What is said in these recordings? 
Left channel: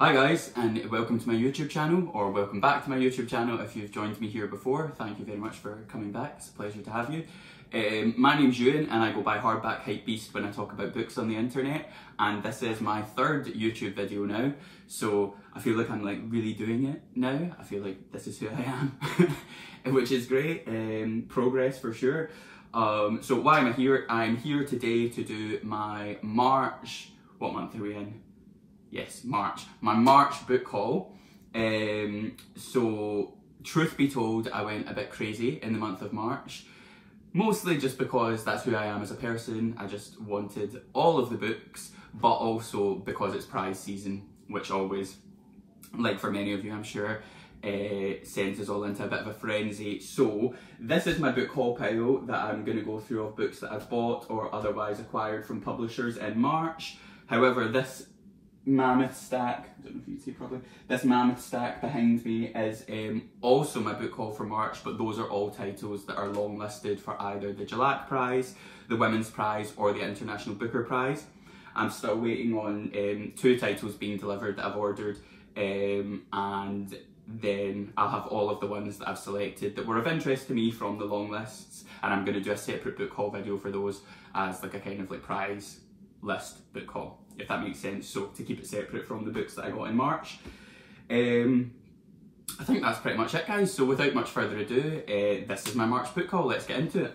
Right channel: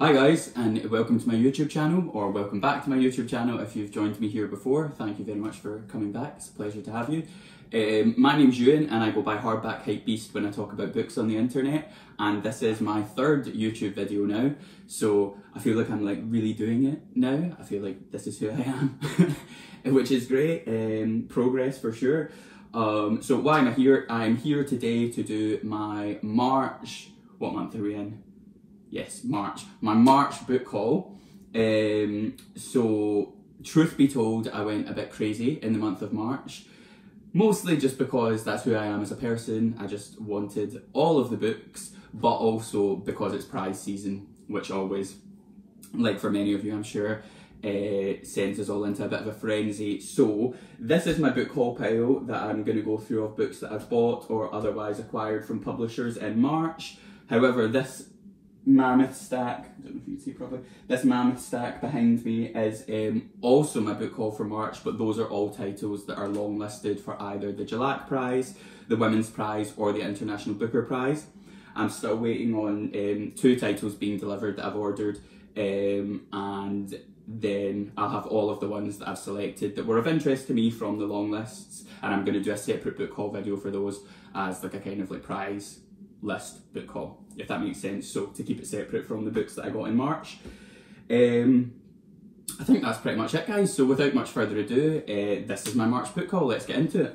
Hi guys, and welcome to my YouTube channel, or welcome back to my YouTube channel if you've joined me here before. Thank you very much for coming back, it's a pleasure to have you. My name's Euan and I go by Hardback Hypebeast when I talk about books on the internet, and this is my third YouTube video now, so I feel like I'm like really doing it now. I feel like this is who I am, which is great, progress for sure. So why am I here? I'm here today to do my March, what month are we in? Yes, March. My March book haul. So, truth be told, I went a bit crazy in the month of March. Mostly just because that's who I am as a person. I just wanted all of the books, but also because it's prize season, which always, like for many of you I'm sure, sends us all into a bit of a frenzy. So, this is my book haul pile that I'm going to go through of books that I've bought or otherwise acquired from publishers in March. However, this mammoth stack, I don't know if you can see properly, this mammoth stack behind me is also my book haul for March, but those are all titles that are long listed for either the Jalak Prize, the Women's Prize or the International Booker Prize. I'm still waiting on 2 titles being delivered that I've ordered, and then I'll have all of the ones that I've selected that were of interest to me from the long lists, and I'm going to do a separate book haul video for those as like a kind of like prize list book haul, if that makes sense, so to keep it separate from the books that I got in March. I think that's pretty much it guys, so without much further ado, this is my March book haul, let's get into it.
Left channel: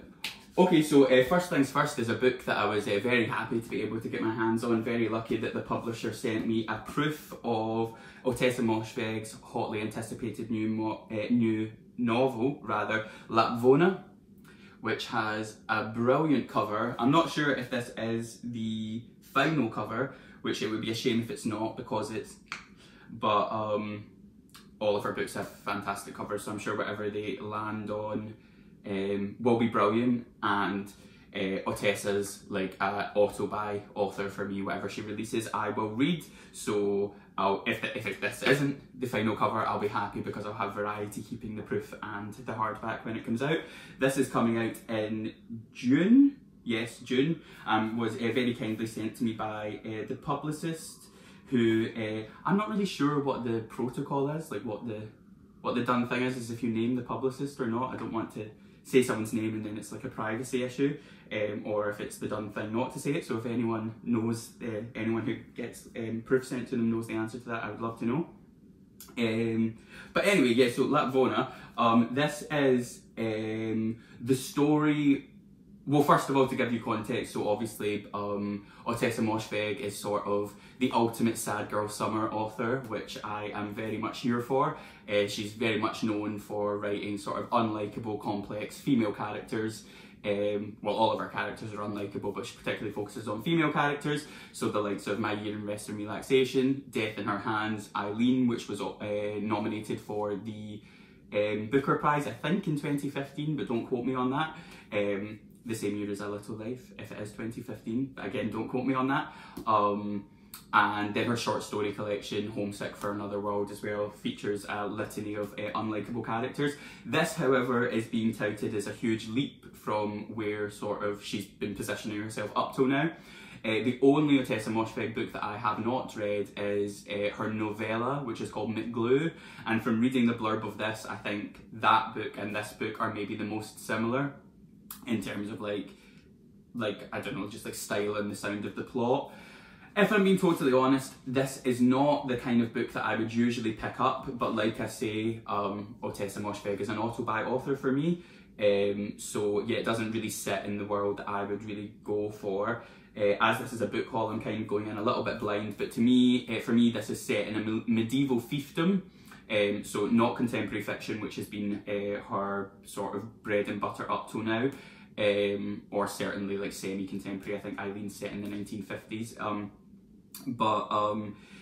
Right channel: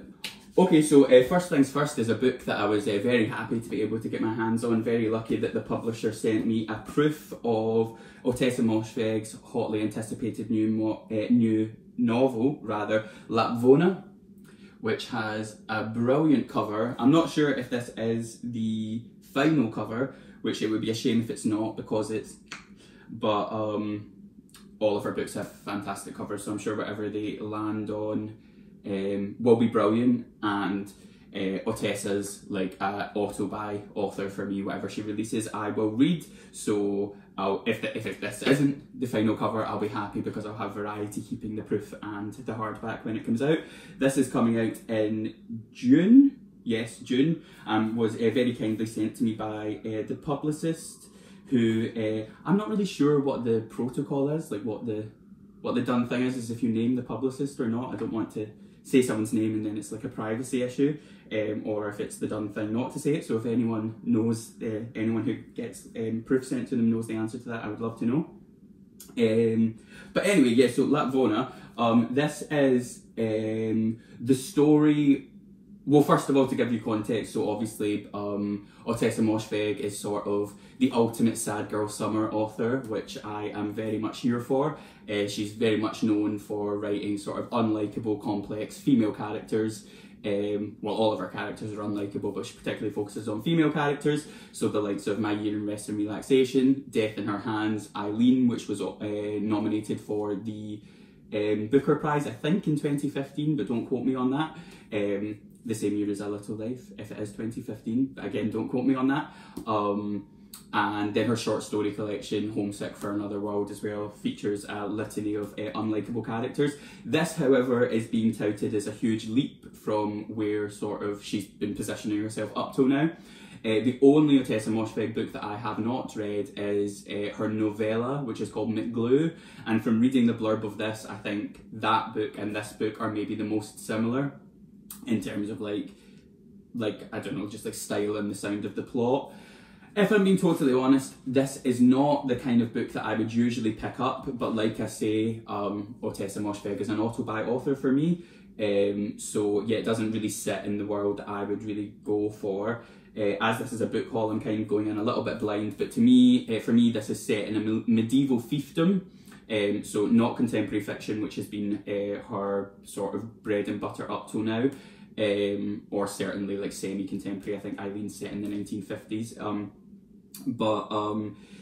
Okay, so first things first is a book that I was very happy to be able to get my hands on, very lucky that the publisher sent me a proof of Ottessa Moshfegh's hotly anticipated new novel, Lapvona, which has a brilliant cover. I'm not sure if this is the final cover, which it would be a shame if it's not because it's, but all of her books have fantastic covers, so I'm sure whatever they land on will be brilliant, and Ottessa's like an auto-buy author for me. Whatever she releases I will read, so if this isn't the final cover, I'll be happy because I'll have variety keeping the proof and the hardback when it comes out. This is coming out in June, yes, June, was very kindly sent to me by the publicist, who I'm not really sure what the protocol is, like what the done thing is if you name the publicist or not. I don't want to say someone's name and then it's like a privacy issue, or if it's the done thing not to say it. So if anyone knows, anyone who gets proof sent to them knows the answer to that, I would love to know. But anyway, yeah, so Lapvona, this is the story. Well, first of all, to give you context, so obviously Ottessa Moshfegh is sort of the ultimate sad girl summer author, which I am very much here for. She's very much known for writing sort of unlikable, complex female characters. Well, all of her characters are unlikable, but she particularly focuses on female characters. So the likes of My Year in Rest and Relaxation, Death in Her Hands, Eileen, which was nominated for the Booker Prize, I think in 2015, but don't quote me on that. The same year as A Little Life, if it is 2015, but again, don't quote me on that. And then her short story collection, Homesick for Another World, as well, features a litany of unlikable characters. This, however, is being touted as a huge leap from where sort of she's been positioning herself up till now. The only Ottessa Moshfegh book that I have not read is her novella, which is called McGlue, and from reading the blurb of this, I think that book and this book are maybe the most similar in terms of like I don't know, just like style and the sound of the plot. If I'm being totally honest, this is not the kind of book that I would usually pick up, but like I say, Ottessa Moshfegh is an auto-buy author for me, so yeah, it doesn't really sit in the world I would really go for. As this is a book haul, I'm kind of going in a little bit blind, but to me, for me, this is set in a medieval fiefdom, so not contemporary fiction, which has been her sort of bread and butter up till now, or certainly like semi-contemporary. I think Eileen's set in the 1950s.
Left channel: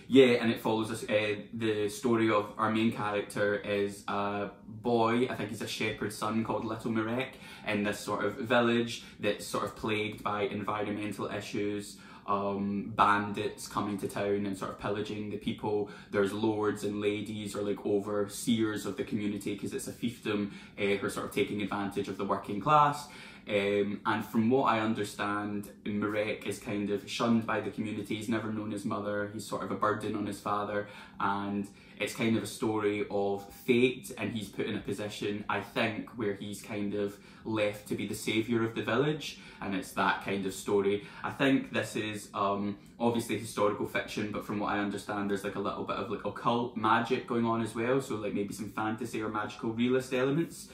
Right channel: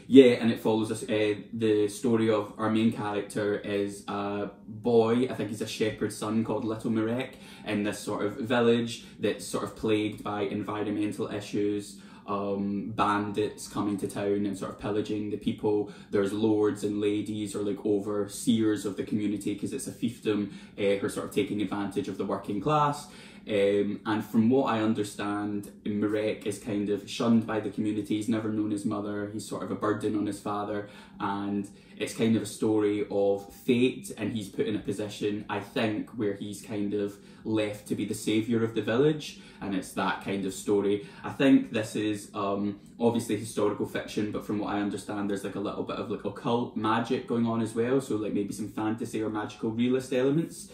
Yeah, and it follows us. The story of our main character is a boy, I think he's a shepherd's son, called Little Marek, in this sort of village that's sort of plagued by environmental issues, bandits coming to town and sort of pillaging the people. There's lords and ladies, or like overseers of the community, because it's a fiefdom, who are sort of taking advantage of the working class. And from what I understand, Marek is kind of shunned by the community. He's never known his mother. He's sort of a burden on his father, and it's kind of a story of fate, and he's put in a position, I think, where he's kind of left to be the saviour of the village, and it's that kind of story. I think this is obviously historical fiction, but from what I understand, there's like a little bit of like occult magic going on as well, so like maybe some fantasy or magical realist elements.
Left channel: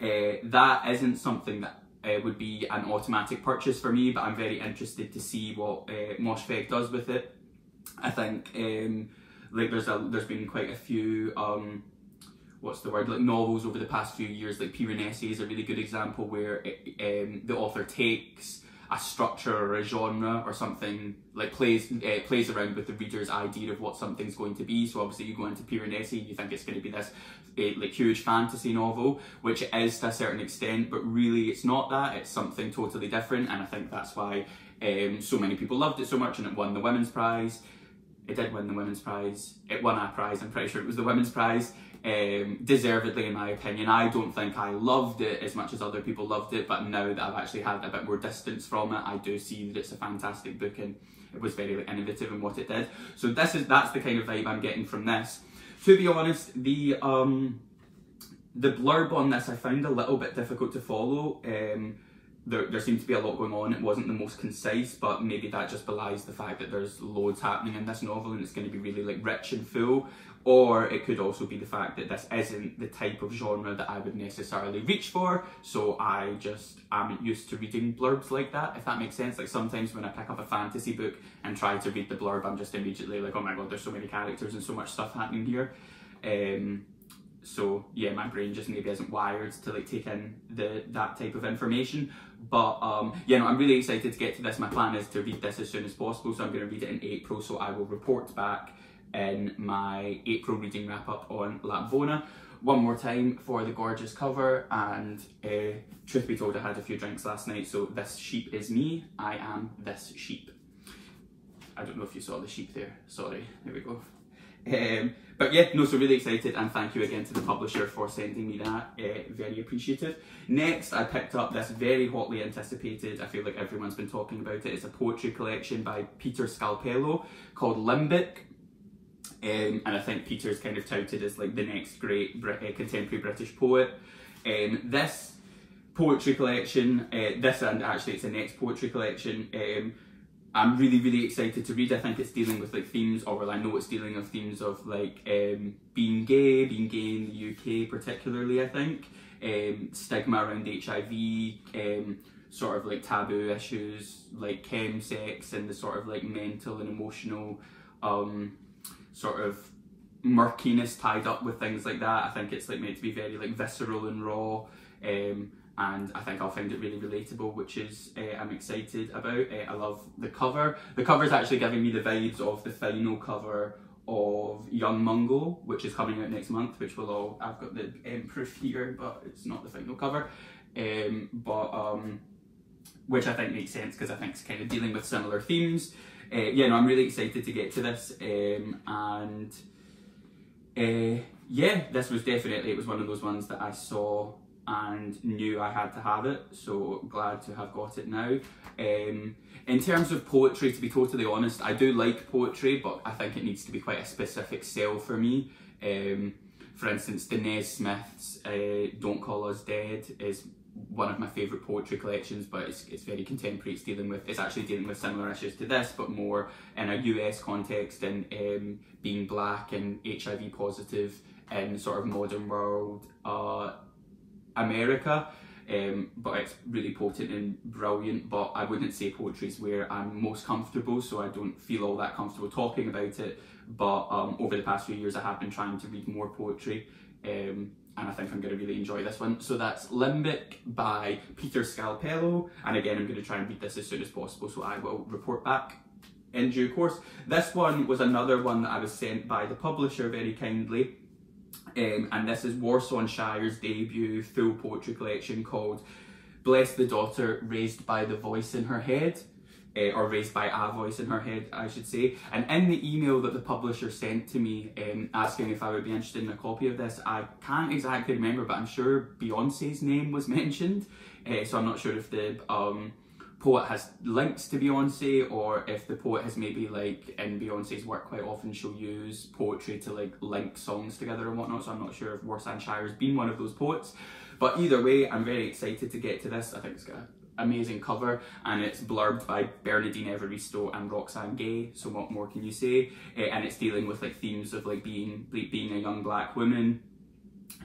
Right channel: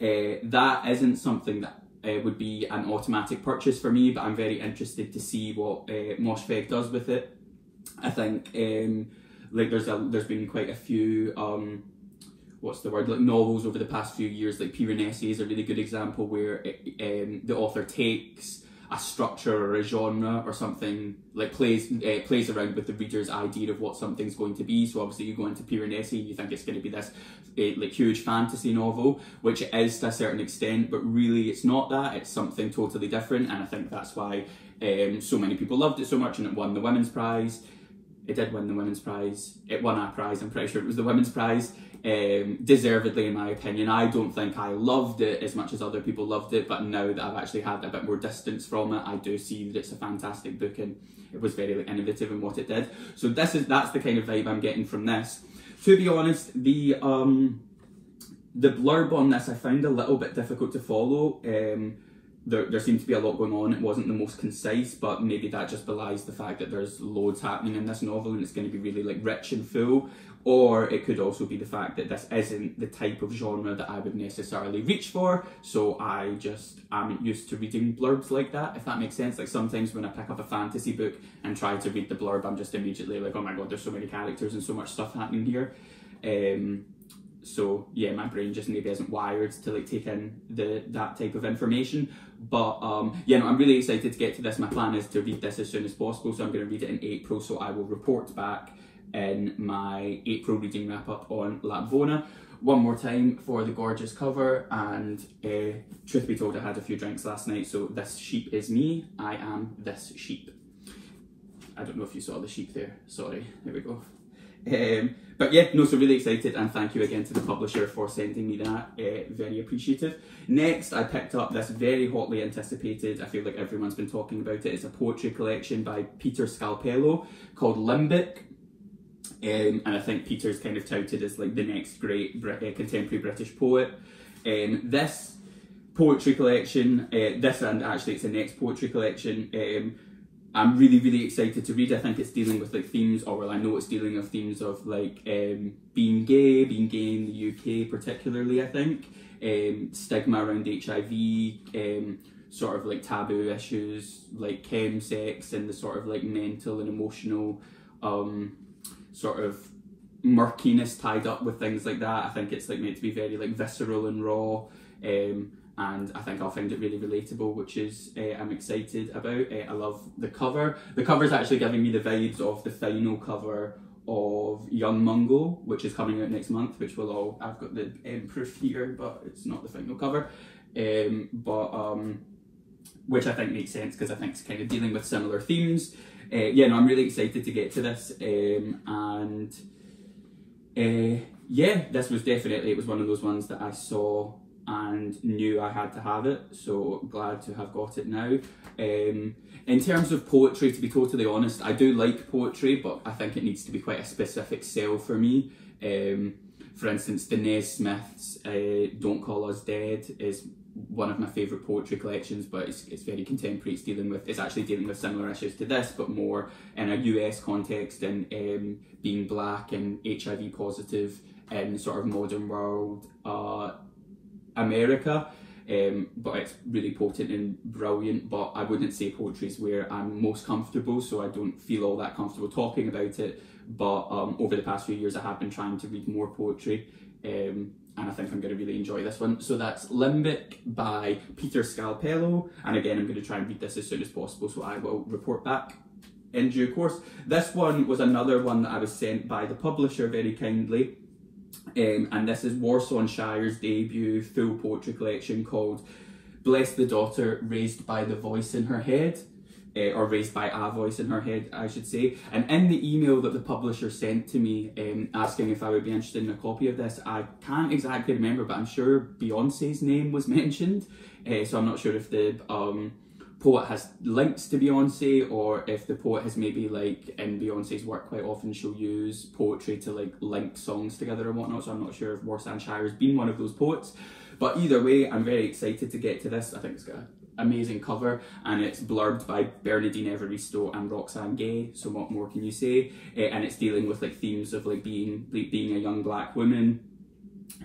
That isn't something that would be an automatic purchase for me, but I'm very interested to see what Moshfegh does with it. I think like there's been quite a few what's the word, like novels over the past few years, like Piranesi is a really good example where the author takes a structure or a genre or something, like plays around with the reader's idea of what something's going to be. So obviously you go into Piranesi, you think it's going to be this like huge fantasy novel, which it is to a certain extent, but really it's not that, it's something totally different, and I think that's why so many people loved it so much, and it won the Women's Prize. It did win the Women's Prize. It won a prize, I'm pretty sure it was the Women's Prize. Deservedly, in my opinion. I don't think I loved it as much as other people loved it, but now that I've actually had a bit more distance from it, I do see that it's a fantastic book, and it was very innovative in what it did. So that's the kind of vibe I'm getting from this. To be honest, the blurb on this I found a little bit difficult to follow. There seemed to be a lot going on. It wasn't the most concise, but maybe that just belies the fact that there's loads happening in this novel and it's going to be really like rich and full. Or it could also be the fact that this isn't the type of genre that I would necessarily reach for, so I just am used to reading blurbs like that, if that makes sense. Like sometimes when I pick up a fantasy book and try to read the blurb, I'm just immediately like, oh my god, there's so many characters and so much stuff happening here. So yeah, my brain just maybe isn't wired to like take in that type of information. But yeah, no, I'm really excited to get to this. My plan is to read this as soon as possible, so I'm going to read it in April, so I will report back in my April reading wrap up on Lapvona. One more time for the gorgeous cover, and truth be told, I had a few drinks last night, so this sheep is me. I am this sheep. I don't know if you saw the sheep there, sorry, there we go. But yeah, no, so really excited, and thank you again to the publisher for sending me that, very appreciative. Next, I picked up this very hotly anticipated, I feel like everyone's been talking about it, it's a poetry collection by Peter Scalpello called Limbic. And I think Peter's kind of touted as like the next great contemporary British poet. This poetry collection, this and actually it's the next poetry collection, I'm really excited to read. I think it's dealing with like themes, or well, I know it's dealing with themes of like being gay in the UK particularly, I think. Stigma around HIV, sort of like taboo issues like chemsex and the sort of like mental and emotional sort of murkiness tied up with things like that. I think it's like meant to be very like visceral and raw, and I think I'll find it really relatable, which is I'm excited about. I love the cover. The cover's actually giving me the vibes of the final cover of Young Mungo, which is coming out next month, which will all, I've got the proof here, but it's not the final cover, which I think makes sense because I think it's kind of dealing with similar themes. Yeah, no, I'm really excited to get to this, and yeah, this was definitely, it was one of those ones that I saw and knew I had to have it, so glad to have got it now. In terms of poetry, to be totally honest, I do like poetry, but I think it needs to be quite a specific sell for me. For instance, Denez Smith's Don't Call Us Dead is one of my favourite poetry collections, but it's very contemporary. It's actually dealing with similar issues to this, but more in a US context, and being black and HIV positive in sort of modern world America. But it's really potent and brilliant, but I wouldn't say poetry is where I'm most comfortable, so I don't feel all that comfortable talking about it. But over the past few years I have been trying to read more poetry, and I think I'm going to really enjoy this one. So that's Limbic by Peter Scalpello, and again I'm going to try and read this as soon as possible, so I will report back in due course. This one was another one that I was sent by the publisher very kindly. And this is Warsan Shire's debut full poetry collection called Bless the Daughter Raised by the Voice in Her Head. or raised by a voice in her head, I should say. And in the email that the publisher sent to me asking if I would be interested in a copy of this, I can't exactly remember, but I'm sure Beyonce's name was mentioned. So I'm not sure if the poet has links to Beyonce, or if the poet has maybe, like, in Beyonce's work quite often she'll use poetry to like link songs together and whatnot, so I'm not sure if Warsan Shire has been one of those poets. But either way, I'm very excited to get to this. I think it's got an amazing cover, and it's blurbed by Bernardine Evaristo and Roxane Gay, so what more can you say? And it's dealing with like themes of like being a young black woman,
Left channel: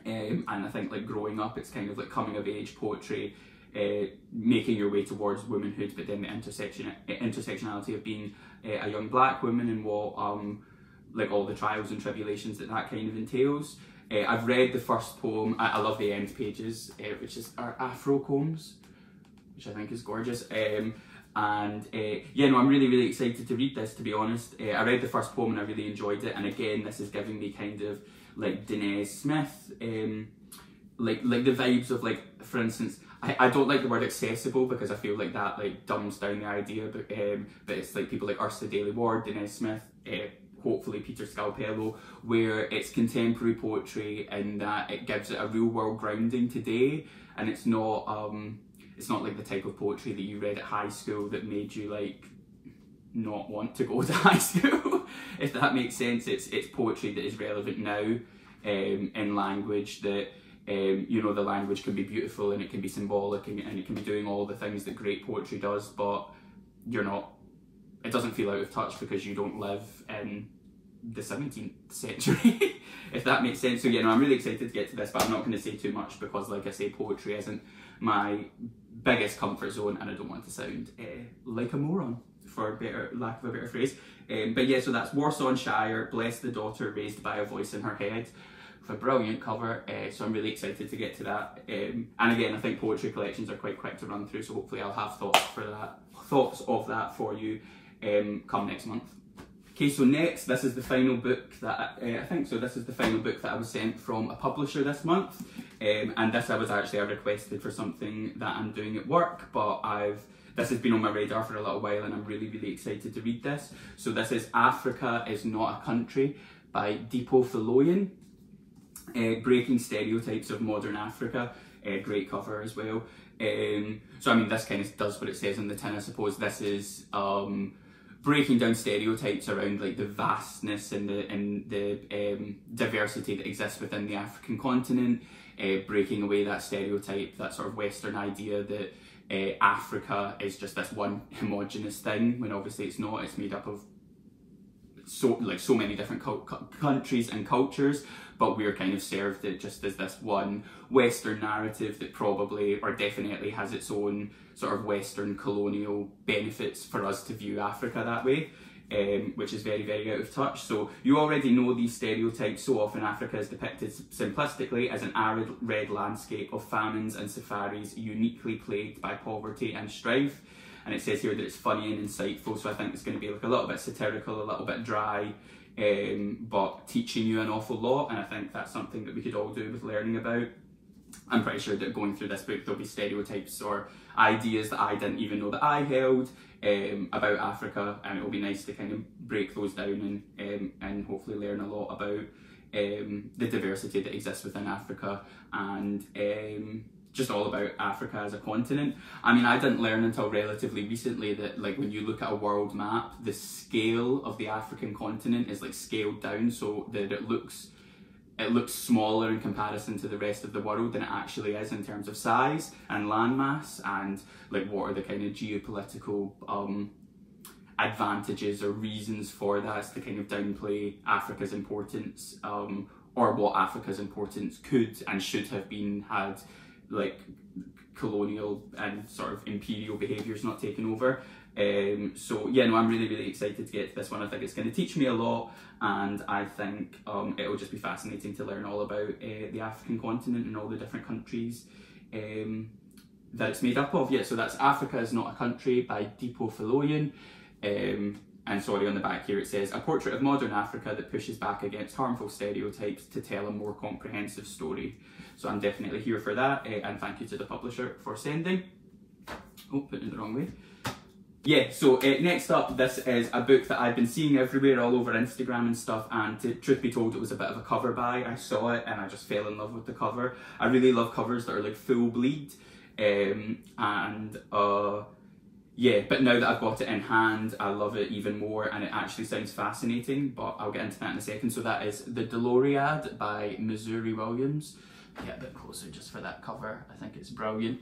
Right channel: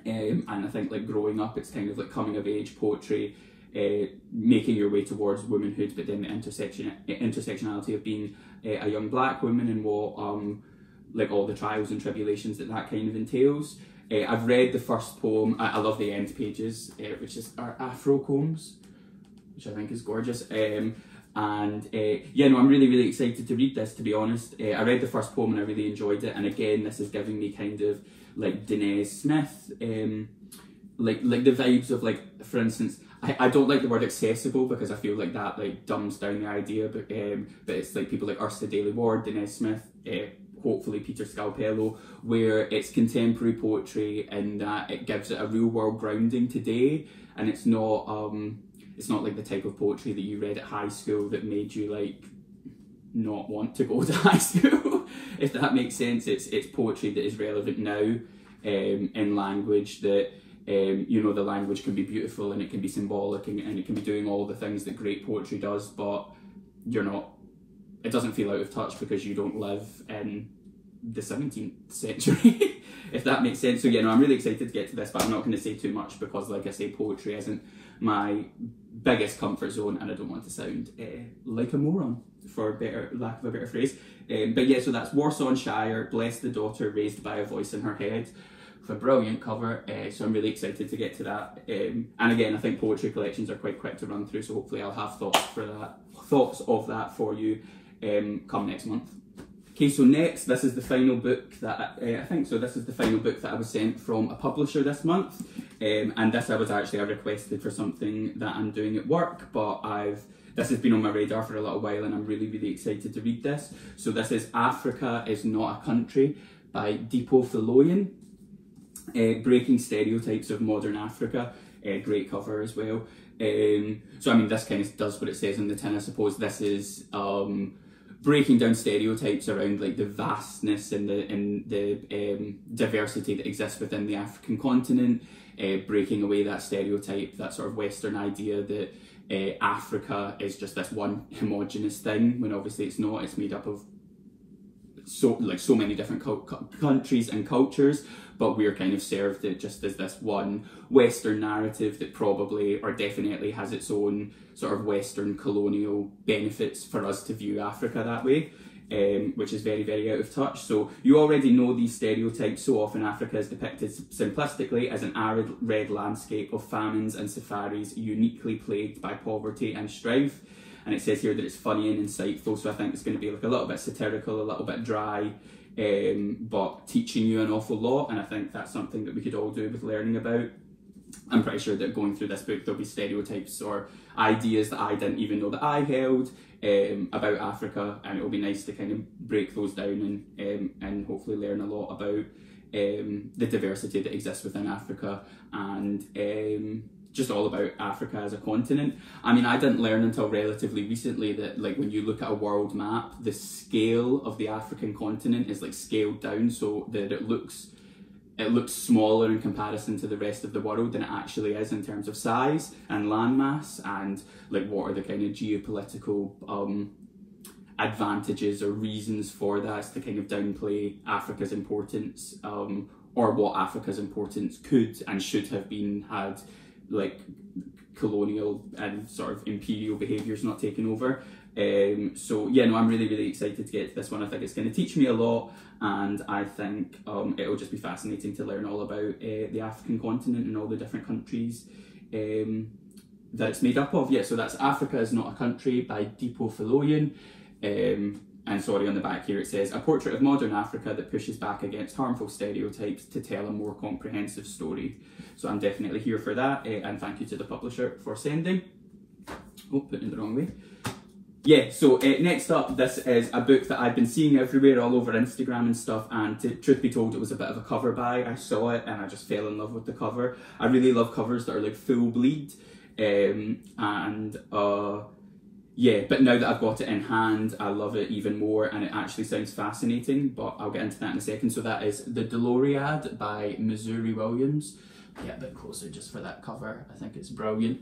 and I think like growing up, it's kind of like coming of age poetry, making your way towards womanhood, but then the intersectionality of being a young black woman and what like all the trials and tribulations that kind of entails. I've read the first poem. I love the end pages, which is our Afro Combs, which I think is gorgeous. Yeah, no, I'm really excited to read this, to be honest. I read the first poem and I really enjoyed it, and again, this is giving me kind of like Denise Smith, like the vibes of, like, for instance, I don't like the word accessible because I feel like that like dumbs down the idea, but it's like people like Ursula Daly Ward, Denise Smith, hopefully Peter Scalpello, where it's contemporary poetry and that it gives it a real world grounding today, and it's not like the type of poetry that you read at high school that made you like not want to go to high school. If that makes sense. It's poetry that is relevant now, in language that you know, the language can be beautiful and it can be symbolic and it can be doing all the things that great poetry does, but it doesn't feel out of touch because you don't live in the 17th century, if that makes sense. So yeah, no, I'm really excited to get to this, but I'm not going to say too much because, like I say, poetry isn't my biggest comfort zone, and I don't want to sound like a moron, for lack of a better phrase. But yeah, so that's Warsan Shire, Bless the Daughter Raised by a Voice in Her Head, with a brilliant cover, so I'm really excited to get to that. And again, I think poetry collections are quite quick to run through, so hopefully I'll have thoughts of that for you come next month. Okay, so next, this is the final book that this is the final book that I was sent from a publisher this month, and this I requested for something that I'm doing at work, but this has been on my radar for a little while, and I'm really excited to read this. So this is Africa Is Not a Country by Dipo Faloyin, Breaking Stereotypes of Modern Africa. Great cover as well. So I mean, this kind of does what it says on the tin, I suppose. This is breaking down stereotypes around like the vastness and the diversity that exists within the African continent, breaking away that stereotype, that sort of Western idea that Africa is just this one homogenous thing, when obviously it's not. It's made up of so many different countries and cultures, but we're kind of served it just as this one Western narrative that probably or definitely has its own sort of Western colonial benefits for us to view Africa that way, which is very out of touch. So you already know these stereotypes. So often Africa is depicted simplistically as an arid red landscape of famines and safaris uniquely plagued by poverty and strife. And it says here that it's funny and insightful, so I think it's going to be like a little bit satirical, a little bit dry, but teaching you an awful lot, and I think that's something that we could all do with learning about. I'm pretty sure that going through this book there'll be stereotypes or ideas that I didn't even know that I held about Africa, and it'll be nice to kind of break those down and hopefully learn a lot about the diversity that exists within Africa, and just all about Africa as a continent. I mean, I didn't learn until relatively recently that, like, when you look at a world map, the scale of the African continent is like scaled down so that it looks smaller in comparison to the rest of the world than it actually is in terms of size and landmass, and like what are the kind of geopolitical advantages or reasons for that to kind of downplay Africa's importance, or what Africa's importance could and should have been had like colonial and sort of imperial behaviours not taken over. So yeah, no, I'm really excited to get to this one. I think it's going to teach me a lot, and I think it'll just be fascinating to learn all about the African continent and all the different countries that it's made up of. Yeah, so that's Africa Is Not a Country by Dipo Faloyin. And sorry, on the back here it says, a portrait of modern Africa that pushes back against harmful stereotypes to tell a more comprehensive story. So I'm definitely here for that, and thank you to the publisher for sending. Oh, putting it the wrong way. yeah, so next up, this is a book that I've been seeing everywhere, all over Instagram and stuff, and truth be told, it was a bit of a cover buy. I saw it and I just fell in love with the cover. I really love covers that are like full bleed, yeah, but now that I've got it in hand, I love it even more, and it actually sounds fascinating, but I'll get into that in a second. So that is The Doloriad by Missouri Williams. Get a bit closer just for that cover, I think it's brilliant.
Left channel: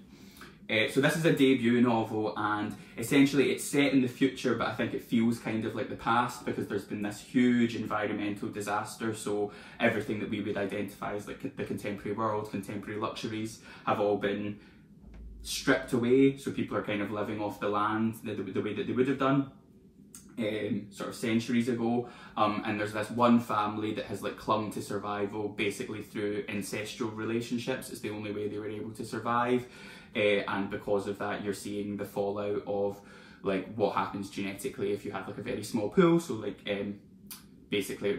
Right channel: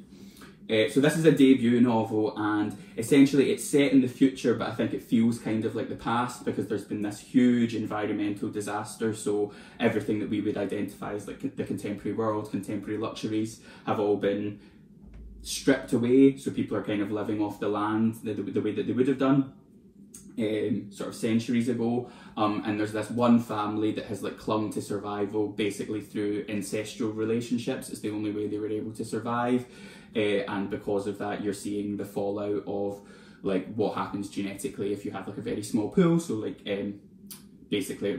So this is a debut novel, and essentially it's set in the future, but I think it feels kind of like the past because there's been this huge environmental disaster. So everything that we would identify as like the contemporary world, contemporary luxuries, have all been stripped away. So people are kind of living off the land the way that they would have done sort of centuries ago. And there's this one family that has like clung to survival basically through ancestral relationships. It's the only way they were able to survive. And because of that, you're seeing the fallout of like what happens genetically if you have like a very small pool. So like basically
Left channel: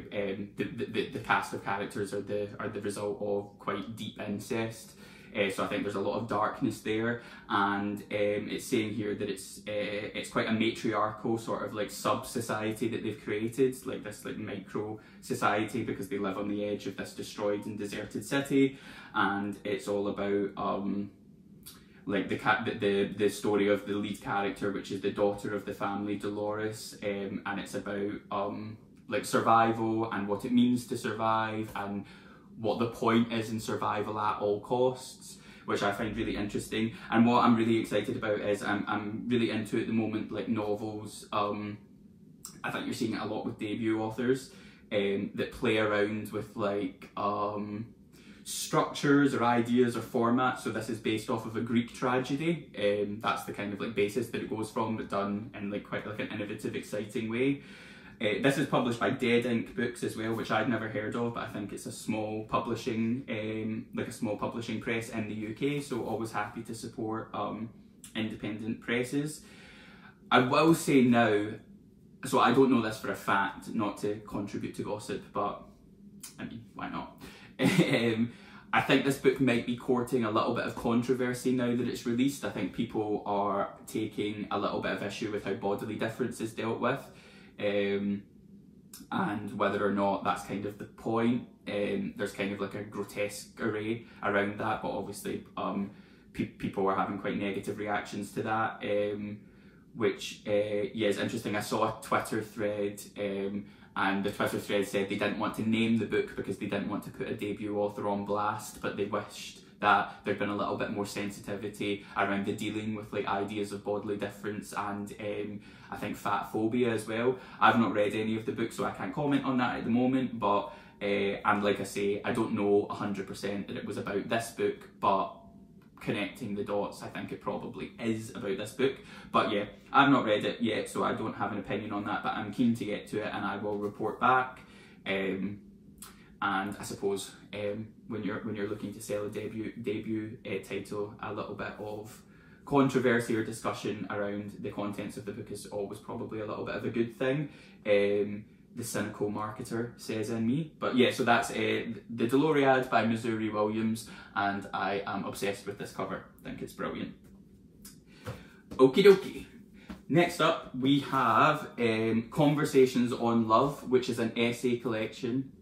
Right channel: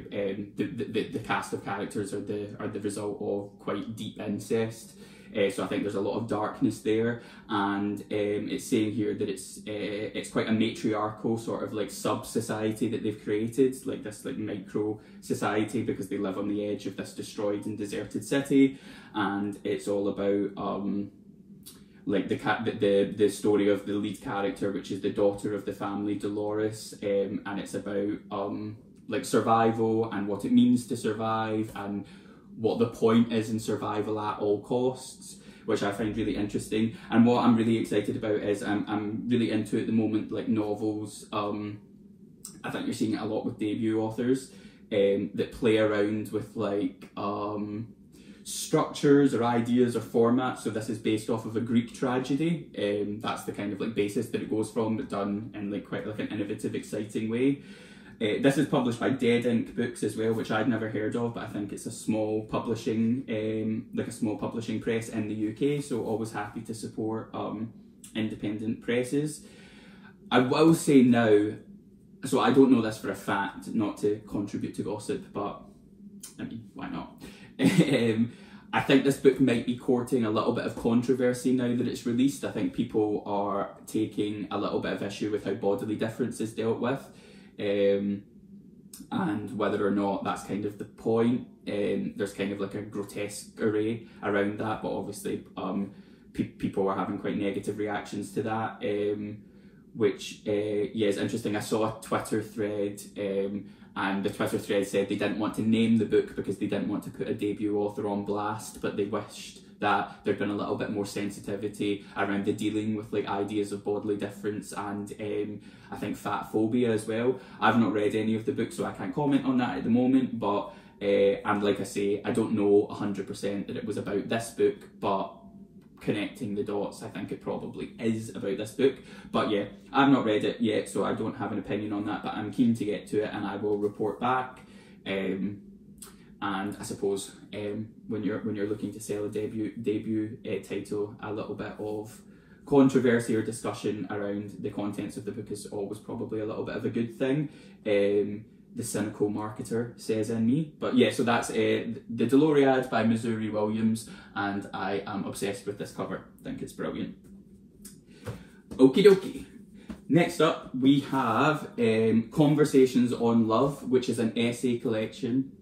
the cast of characters are the result of quite deep incest. So I think there's a lot of darkness there, and it's saying here that it's quite a matriarchal sort of like sub-society that they've created, like this like micro society, because they live on the edge of this destroyed and deserted city, and it's all about like the story of the lead character, which is the daughter of the family, Dolores, and it's about like survival and what it means to survive and what the point is in survival at all costs, which I find really interesting. And what I'm really excited about is I'm really into at the moment like novels. I think you're seeing it a lot with debut authors that play around with like structures or ideas or formats. So this is based off of a Greek tragedy. That's the kind of like basis that it goes from, but done in like quite like an innovative, exciting way. This is published by Dead Ink Books as well, which I'd never heard of, but I think it's a small publishing, like a small publishing press in the UK. So always happy to support independent presses. I will say now, so I don't know this for a fact, not to contribute to gossip, but I mean, why not? I think this book might be courting a little bit of controversy now that it's released. I think people are taking a little bit of issue with how bodily difference is dealt with, and whether or not that's kind of the point. There's kind of like a grotesque array around that, but obviously people were having quite negative reactions to that, which yeah, is interesting. I saw a Twitter thread, and the Twitter thread said they didn't want to name the book because they didn't want to put a debut author on blast, but they wished that there'd been a little bit more sensitivity around the dealing with like ideas of bodily difference and I think fat phobia as well. I've not read any of the books, so I can't comment on that at the moment, but and like I say, I don't know 100% that it was about this book, but connecting the dots, I think it probably is about this book. But yeah, I've not read it yet, so I don't have an opinion on that, but I'm keen to get to it and I will report back. And I suppose when you're looking to sell a debut title, a little bit of controversy or discussion around the contents of the book is always probably a little bit of a good thing. The cynical marketer says in me. But yeah, so that's The Doloriad by Missouri Williams, and I am obsessed with this cover. I think it's brilliant. Okie dokie. Next up, we have Conversations on Love, which is an essay collection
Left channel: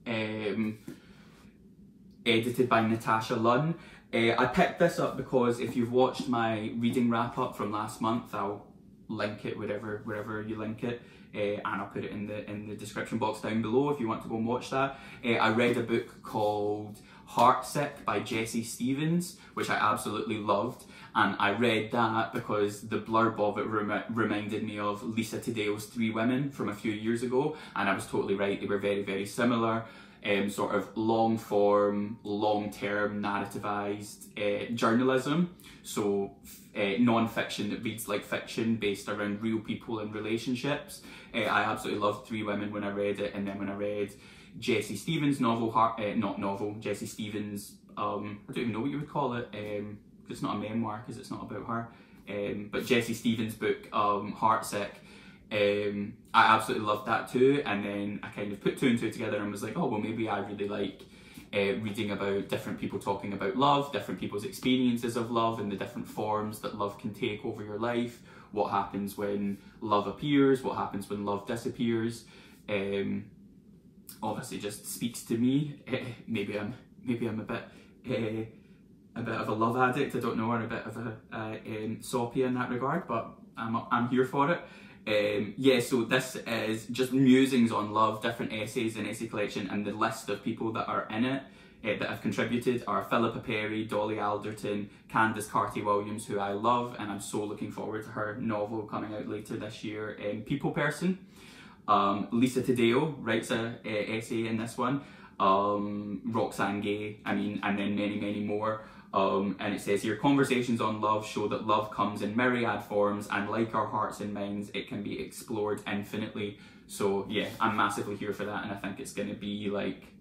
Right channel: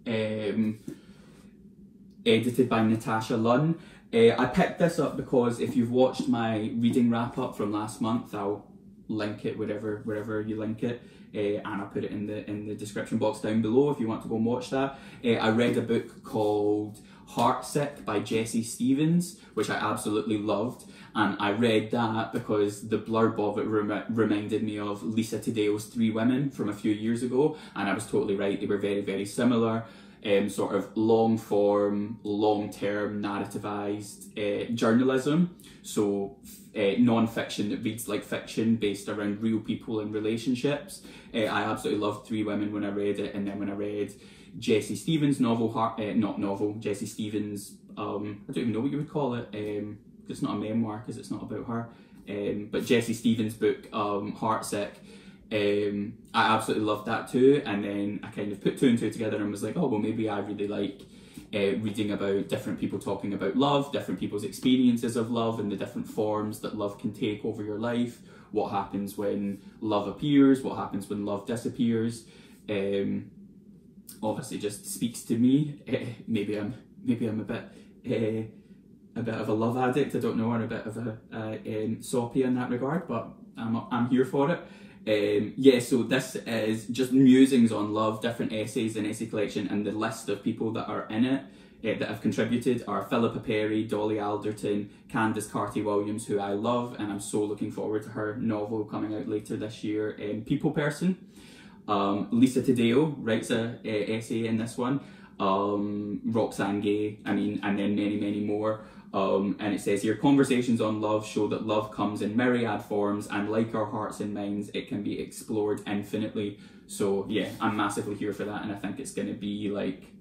edited by Natasha Lunn. I picked this up because if you've watched my reading wrap-up from last month, I'll link it wherever you link it, and I'll put it in the description box down below if you want to go and watch that. I read a book called Heartsick by Jessie Stevens, which I absolutely loved, and I read that because the blurb of it reminded me of Lisa Taddle's Three Women from a few years ago, and I was totally right. They were very, very similar. Sort of long-form, long-term narrativized journalism, so non-fiction that reads like fiction based around real people and relationships. I absolutely loved Three Women when I read it, and then when I read Jessie Stevens' novel, Jessie Stevens, I don't even know what you would call it, it's not a memoir because it's not about her, but Jessie Stevens' book, Heartsick, I absolutely loved that too, and then I kind of put two and two together and was like, oh well, maybe I really like reading about different people talking about love, different people's experiences of love and the different forms that love can take over your life what happens when love appears, what happens when love disappears. Obviously just speaks to me. Maybe I'm a bit of a love addict, I don't know, or a bit of a soppy in that regard, but I'm here for it. Yeah, so this is just musings on love, different essays and essay collection, and the list of people that are in it that have contributed are Philippa Perry, Dolly Alderton, Candice Carty-Williams, who I love, and I'm so looking forward to her novel coming out later this year, People Person. Lisa Taddeo writes an essay in this one. Roxane Gay, and then many, many more. And it says here, conversations on love show that love comes in myriad forms, and like our hearts and minds, it can be explored infinitely. So yeah, I'm massively here for that, and I think it's going to be like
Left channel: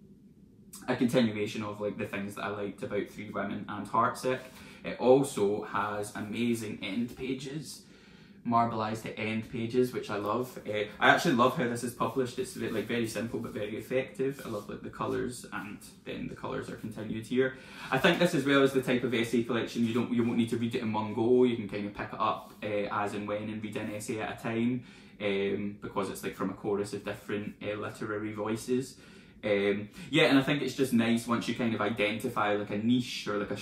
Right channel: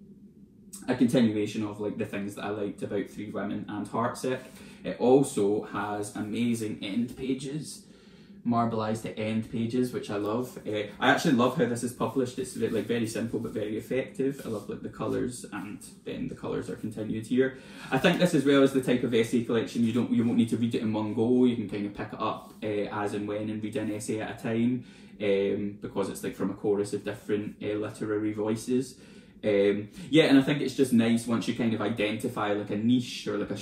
a continuation of like the things that I liked about Three Women and Heartsick. It also has amazing end pages, marbleized end pages, which I love. I actually love how this is published. It's like very simple but very effective. I love like the colours, and then the colours are continued here. I think this as well is the type of essay collection you won't need to read it in one go. You can kind of pick it up as and when and read an essay at a time, because it's like from a chorus of different literary voices. Yeah, and I think it's just nice once you kind of identify like a niche or like a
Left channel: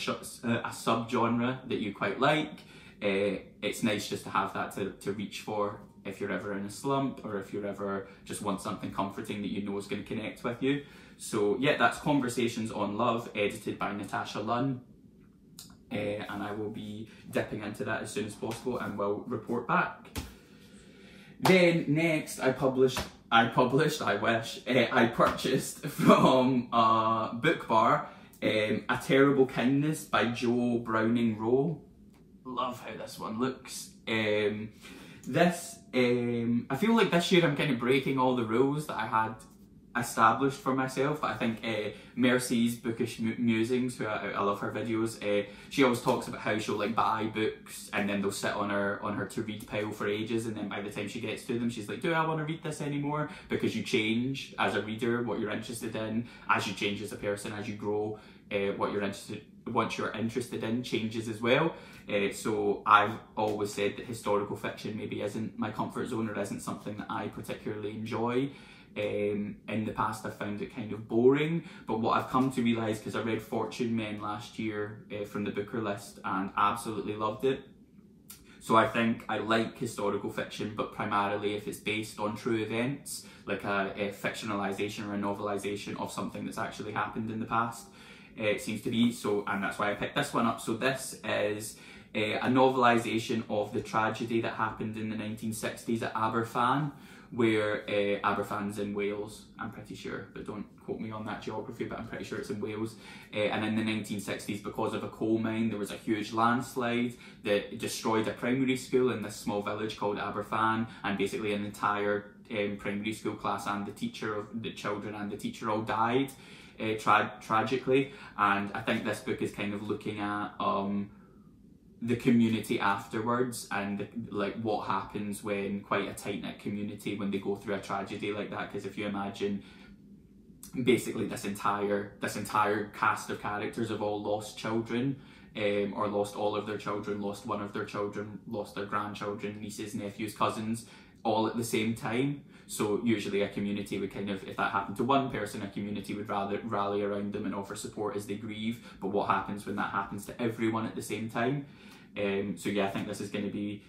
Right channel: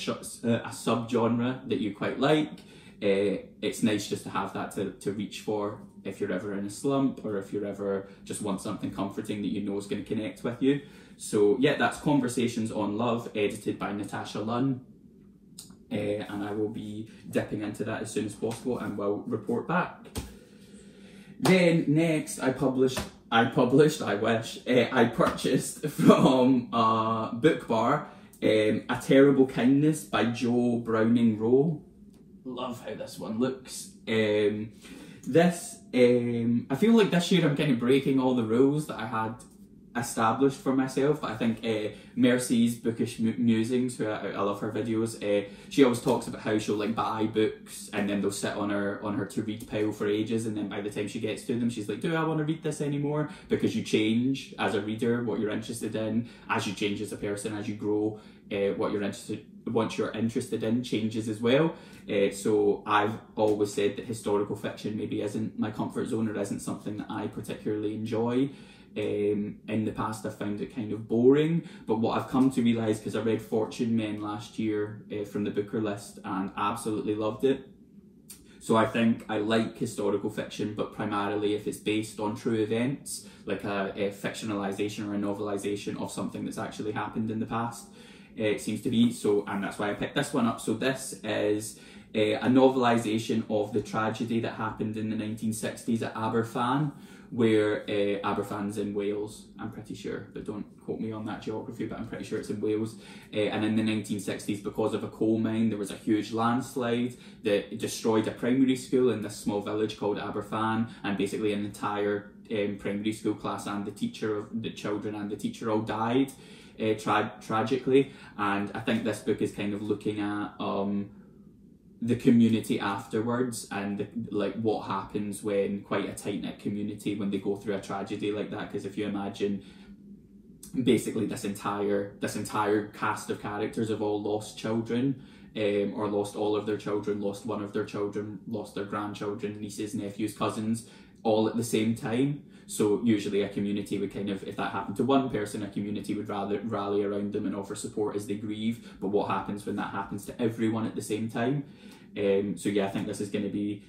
sub-genre that you quite like. It's nice just to have that to reach for if you're ever in a slump, or if you're ever just want something comforting that you know is going to connect with you. So yeah, that's Conversations on Love, edited by Natasha Lunn. And I will be dipping into that as soon as possible and will report back. Then next I purchased from Book Bar A Terrible Kindness by Jo Browning Wroe. Love how this one looks. I feel like this year I'm kind of breaking all the rules that I had established for myself. But I think Mercy's Bookish Musings, who I love her videos, she always talks about how she'll like buy books and then they'll sit on her to read pile for ages, and then by the time she gets to them she's like, do I want to read this anymore? Because you change as a reader what you're interested in, as you change as a person, as you grow, what you're interested in changes as well. So I've always said that historical fiction maybe isn't my comfort zone, or isn't something that I particularly enjoy. In the past I found it kind of boring, but what I've come to realise, because I read Fortune Men last year from the Booker list and absolutely loved it. So I think I like historical fiction, but primarily if it's based on true events, like a fictionalisation or a novelisation of something that's actually happened in the past. It seems to be so, and that's why I picked this one up. So this is a novelisation of the tragedy that happened in the 1960s at Aberfan, where Aberfan's in Wales, I'm pretty sure, but don't quote me on that geography, but I'm pretty sure it's in Wales. And in the 1960s, because of a coal mine, there was a huge landslide that destroyed a primary school in this small village called Aberfan, and basically an entire primary school class and the children and the teacher all died tragically. And I think this book is kind of looking at the community afterwards, and like what happens when quite a tight-knit community, when they go through a tragedy like that. Because if you imagine basically this entire cast of characters have all lost children, or lost all of their children, lost one of their children, lost their grandchildren, nieces, nephews, cousins, all at the same time. So usually a community would kind of, if that happened to one person, a community would rather rally around them and offer support as they grieve. But what happens when that happens to everyone at the same time? So yeah, I think this is going to be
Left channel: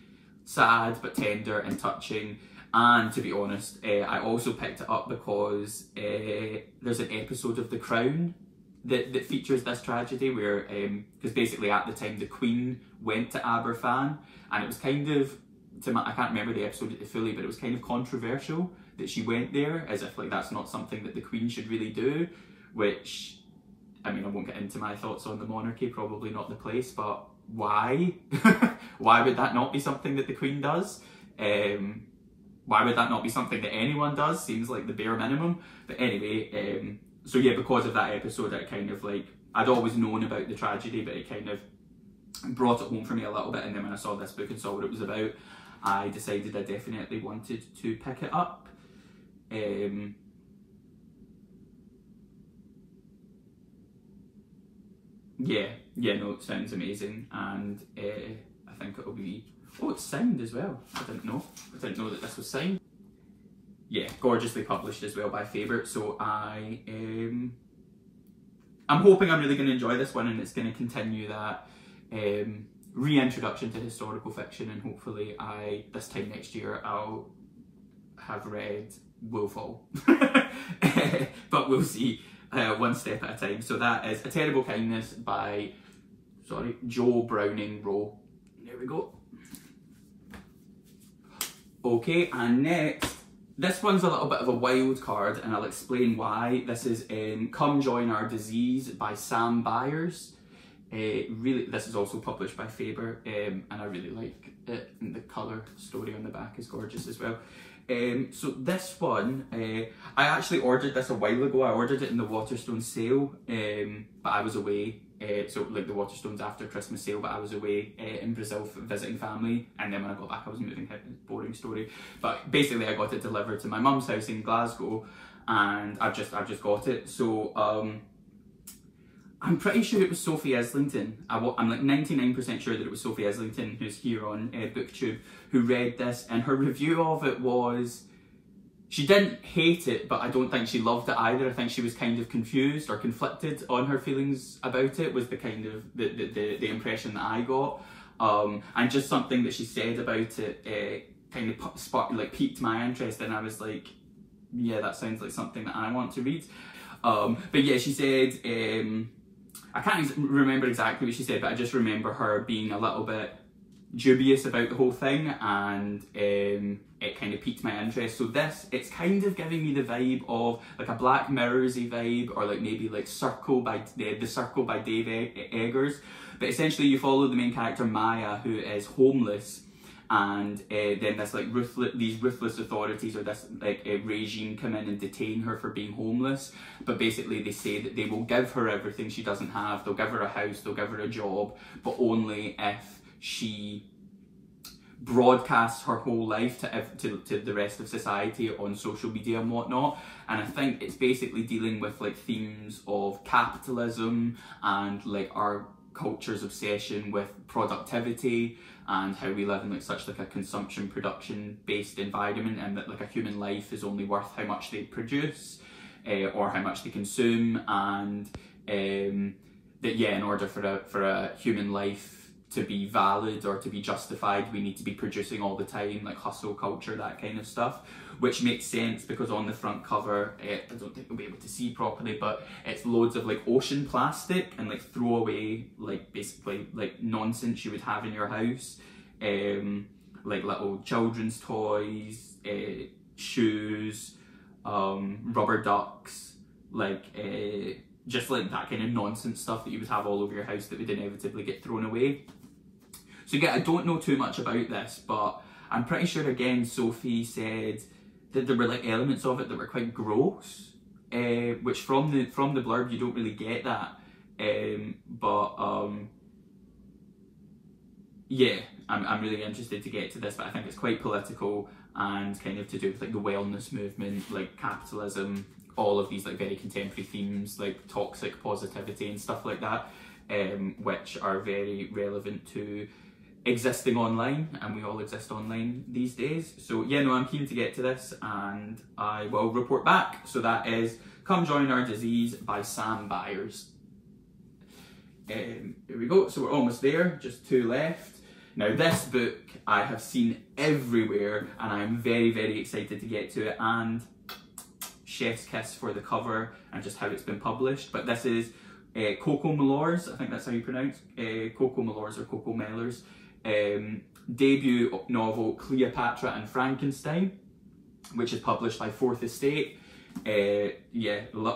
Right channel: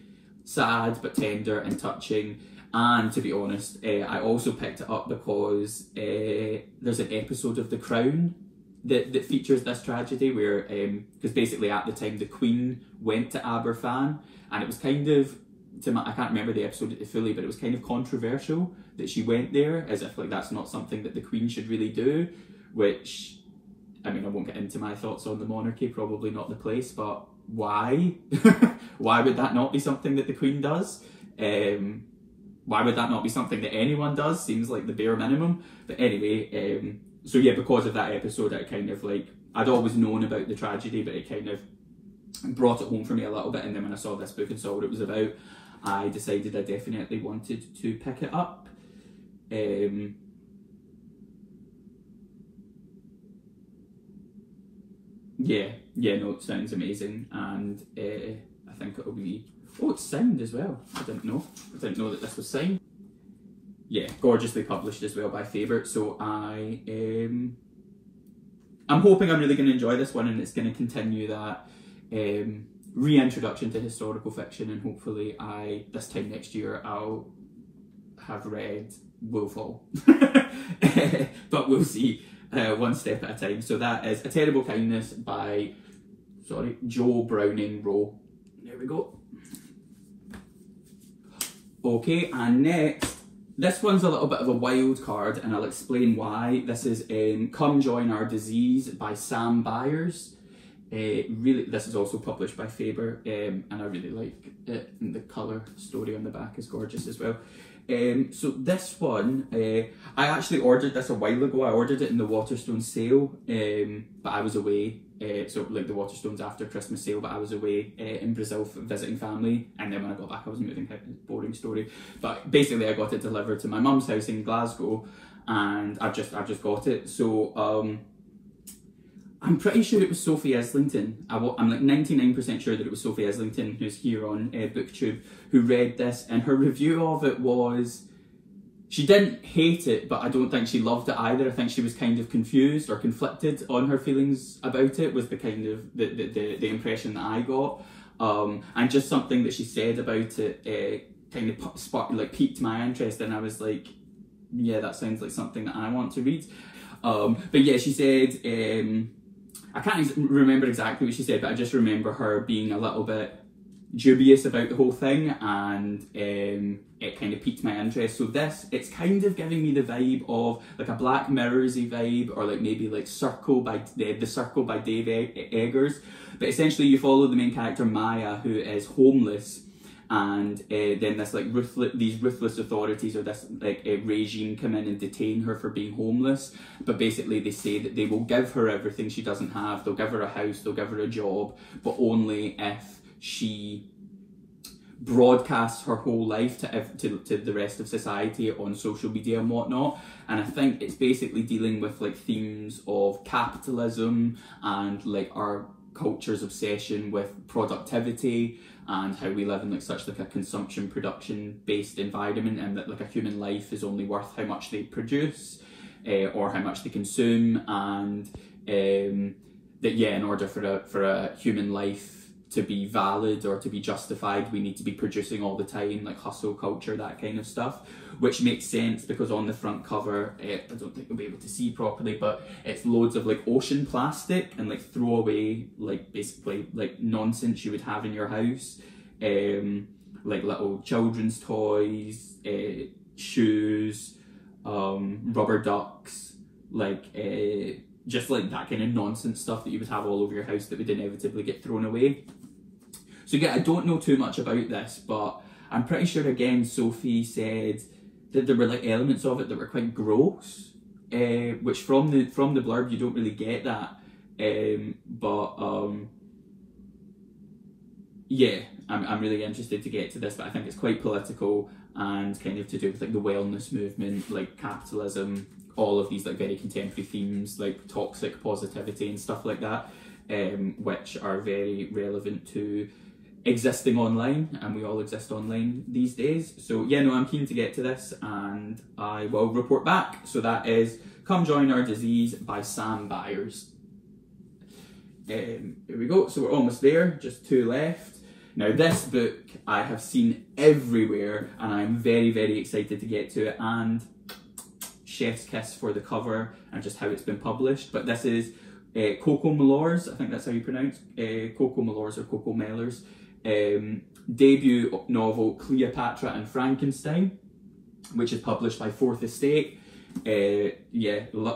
sad but tender and touching. And to be honest, I also picked it up because there's an episode of The Crown that features this tragedy, where because basically at the time the Queen went to Aberfan, and it was kind of, I can't remember the episode fully, but it was kind of controversial that she went there, as if like that's not something that the Queen should really do, which, I mean, I won't get into my thoughts on the monarchy, probably not the place, but why? Why would that not be something that the Queen does? Why would that not be something that anyone does? Seems like the bare minimum. But anyway, so yeah, because of that episode, I kind of like, I'd always known about the tragedy, but it kind of brought it home for me a little bit. And then when I saw this book and saw what it was about, I decided I definitely wanted to pick it up. Yeah, no, it sounds amazing, and I think it'll be... Oh, it's signed as well. I didn't know that this was signed. Yeah, gorgeously published as well by Faber. So I'm hoping I'm really going to enjoy this one, and it's going to continue that reintroduction to historical fiction, and hopefully this time next year I'll have read Willfall. But we'll see, one step at a time. So that is A Terrible Kindness by, Joe Browning Wroe. There we go. Okay, and next, this one's a little bit of a wild card, and I'll explain why. This is Come Join Our Disease by Sam Byers. Really, this is also published by Faber, and I really like it, and the colour story on the back is gorgeous as well. So this one, I actually ordered this a while ago. I ordered it in the Waterstone sale, but I was away. So like the Waterstones after Christmas sale, but I was away in Brazil visiting family, and then when I got back I was moving. Boring story, but basically I got it delivered to my mum's house in Glasgow, and I've just got it. So I'm pretty sure it was Sophie Islington. I'm like 99% sure that it was Sophie Islington, who's here on BookTube, who read this, and her review of it was, she didn't hate it, but I don't think she loved it either. I think she was kind of confused or conflicted on her feelings about it, was the kind of the impression that I got. And just something that she said about it kind of piqued my interest, and I was like, yeah, that sounds like something that I want to read. But yeah, she said, I can't remember exactly what she said, but I just remember her being a little bit dubious about the whole thing, and it kind of piqued my interest. So it's kind of giving me the vibe of like a Black Mirrors-y vibe, or like maybe like Circle by The Circle by Dave Eggers. But essentially you follow the main character Maya, who is homeless, and then this like these ruthless authorities, or this like regime, come in and detain her for being homeless. But basically they say that they will give her everything she doesn't have. They'll give her a house, they'll give her a job, but only if she broadcasts her whole life to the rest of society on social media and whatnot. And I think it's basically dealing with like themes of capitalism and like our culture's obsession with productivity, and how we live in like such like a consumption production based environment, and that like a human life is only worth how much they produce or how much they consume, and that yeah, in order for a human life to be valid or to be justified, we need to be producing all the time, like hustle culture, that kind of stuff. Which makes sense, because on the front cover, I don't think you'll be able to see properly, but it's loads of like ocean plastic and like throwaway, like basically like nonsense you would have in your house, like little children's toys, shoes, rubber ducks, like just like that kind of nonsense stuff that you would have all over your house that would inevitably get thrown away. So yeah, I don't know too much about this, but I'm pretty sure again Sophie said that there were like elements of it that were quite gross, which from the blurb you don't really get that. Yeah, I'm really interested to get to this, but I think it's quite political and kind of to do with like the wellness movement, like capitalism, all of these like very contemporary themes like toxic positivity and stuff like that, which are very relevant to existing online, and we all exist online these days. So yeah, no, I'm keen to get to this, and I will report back. So that is Come Join Our Disease by Sam Byers. Here we go, so we're almost there, just 2 left. Now this book I have seen everywhere, and I'm very, very excited to get to it, and chef's kiss for the cover and just how it's been published. But this is Coco Mellors, I think that's how you pronounce Coco Mellors or Coco Mellors, debut novel Cleopatra and Frankenstein, which is published by Fourth Estate. Yeah,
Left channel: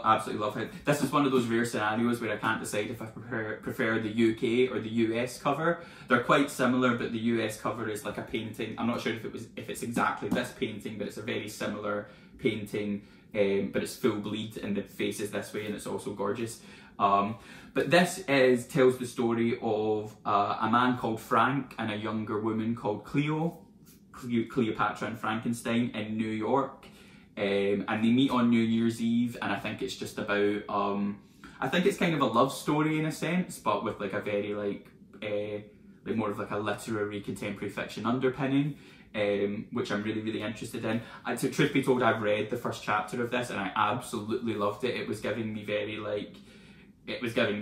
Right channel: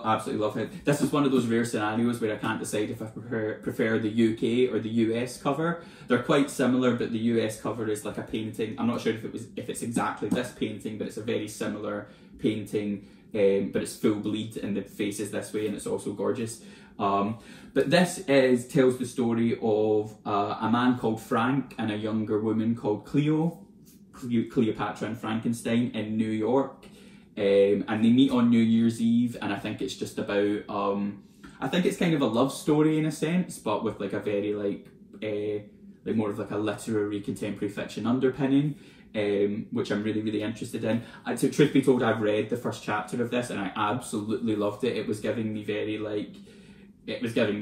absolutely love it. This is one of those rare scenarios where I can't decide if I prefer the UK or the US cover. They're quite similar, but the US cover is like a painting. I'm not sure if it's exactly this painting, but it's a very similar painting, but it's full bleed and the face is this way, and it's also gorgeous. But this tells the story of a man called Frank and a younger woman called Cleopatra and Frankenstein in New York. And they meet on New Year's Eve, and I think it's just about, I think it's kind of a love story in a sense, but with like a very like like more of like a literary contemporary fiction underpinning, which I'm really, really interested in. Truth be told, I've read the first chapter of this and I absolutely loved it. It was giving me